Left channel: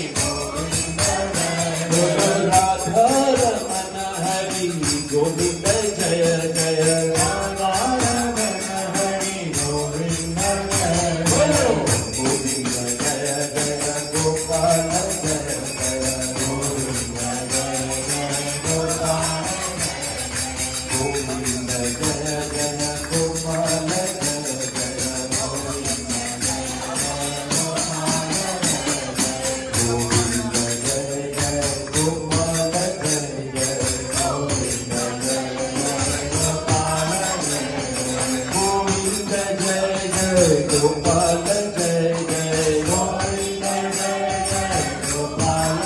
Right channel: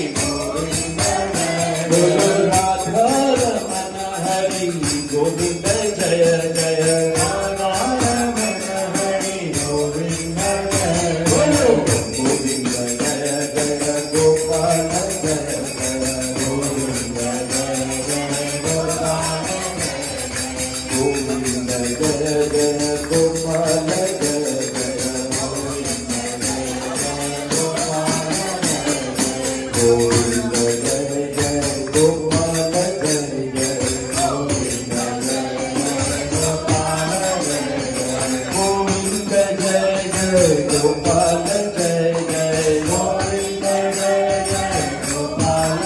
गोविंद जय जय गोविंद जय जय गोपाल जय जय गोविंद जय जय गोविंद जय जय गोपाल जय जय गोविंद जय जय गोपाल जय जय गोपाल जय जय गोविंद जय जय गोपाल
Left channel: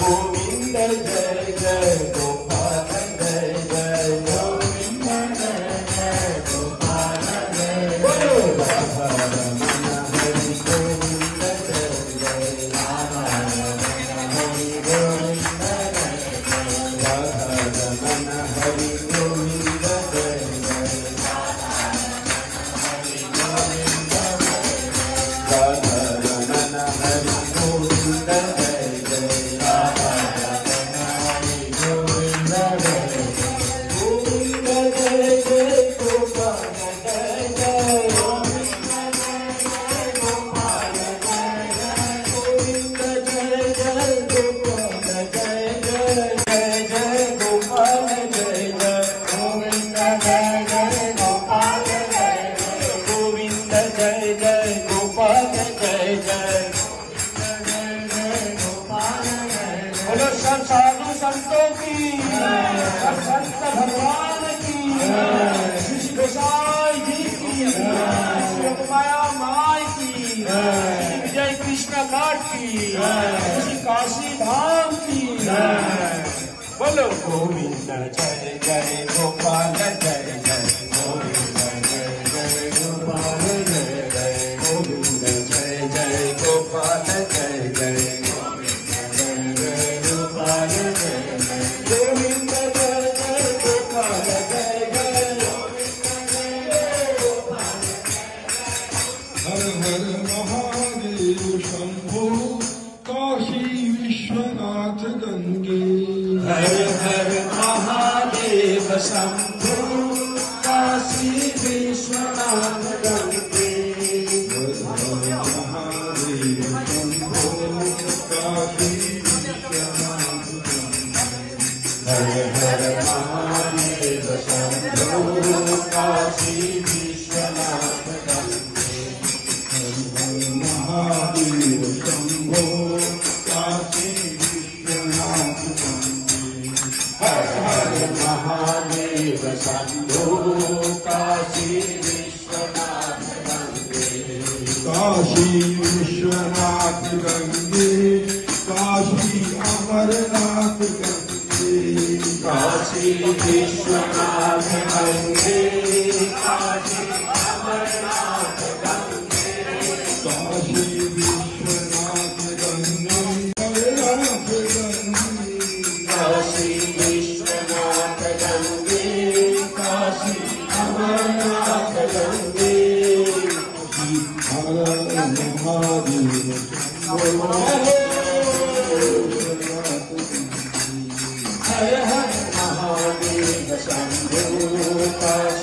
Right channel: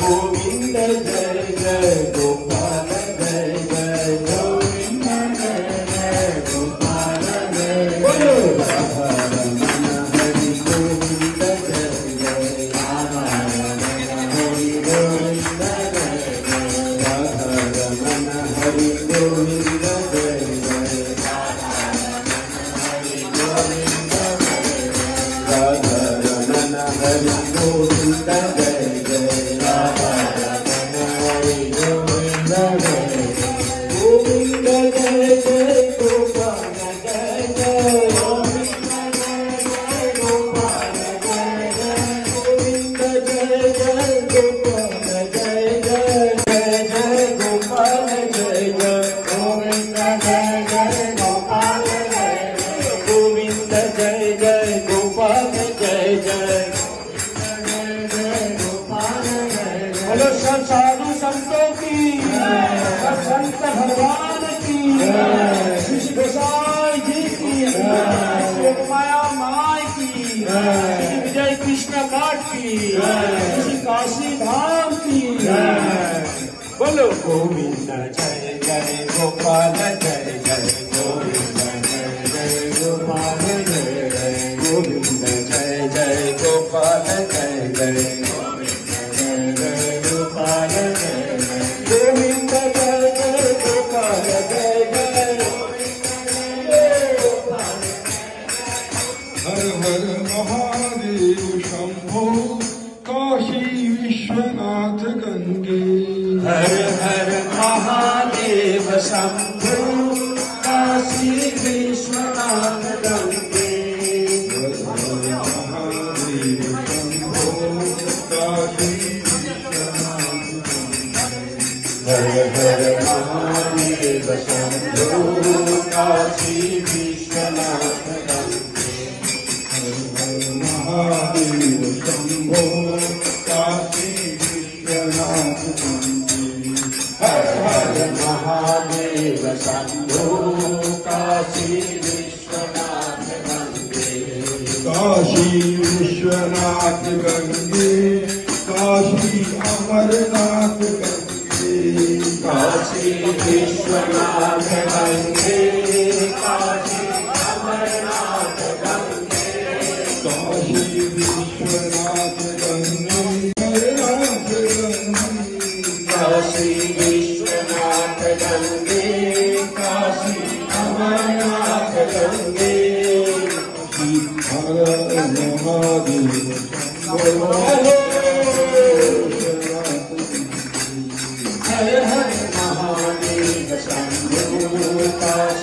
गोविंद जय जय गोपाल जय जय गोविंद जय जय गोपाल बोलो हरि गोविंद जय जय हरि गोविंद हरि गोविंद जय साधु संतों की संत भगवान की श्री गोसाई जी की माया माई की जय कृष्ण घाट की काशी धाम की बोलो गोविंद जय जय गोपाल जय जय गोविंद जय जय गोपाल जय जय गोविंद जय जय गोपाल जय जय गोविंद जय जय गोपाल जय जय हर हर महादेव शंभो काशी विश्वनाथ गंगे हर हर महादेव शंभो काशी विश्वनाथ गंगे हर हर महादेव शंभो काशी हर हर महादेव शंभो काशी विश्वनाथ गंगे हर हर महादेव शंभो काशी विश्वनाथ गंगे हर हर महादेव शंभो काशी विश्वनाथ गंगे काशी विश्वनाथ गंगे काशी अमरनाथ गंगे काशी विश्वनाथ गंगे काशी अमरनाथ गंगे काशी विश्वनाथ गंगे काशी विश्वनाथ गंगे काशी अमरनाथ गंगे हर महादेव हर हर महादेव शंभो काशी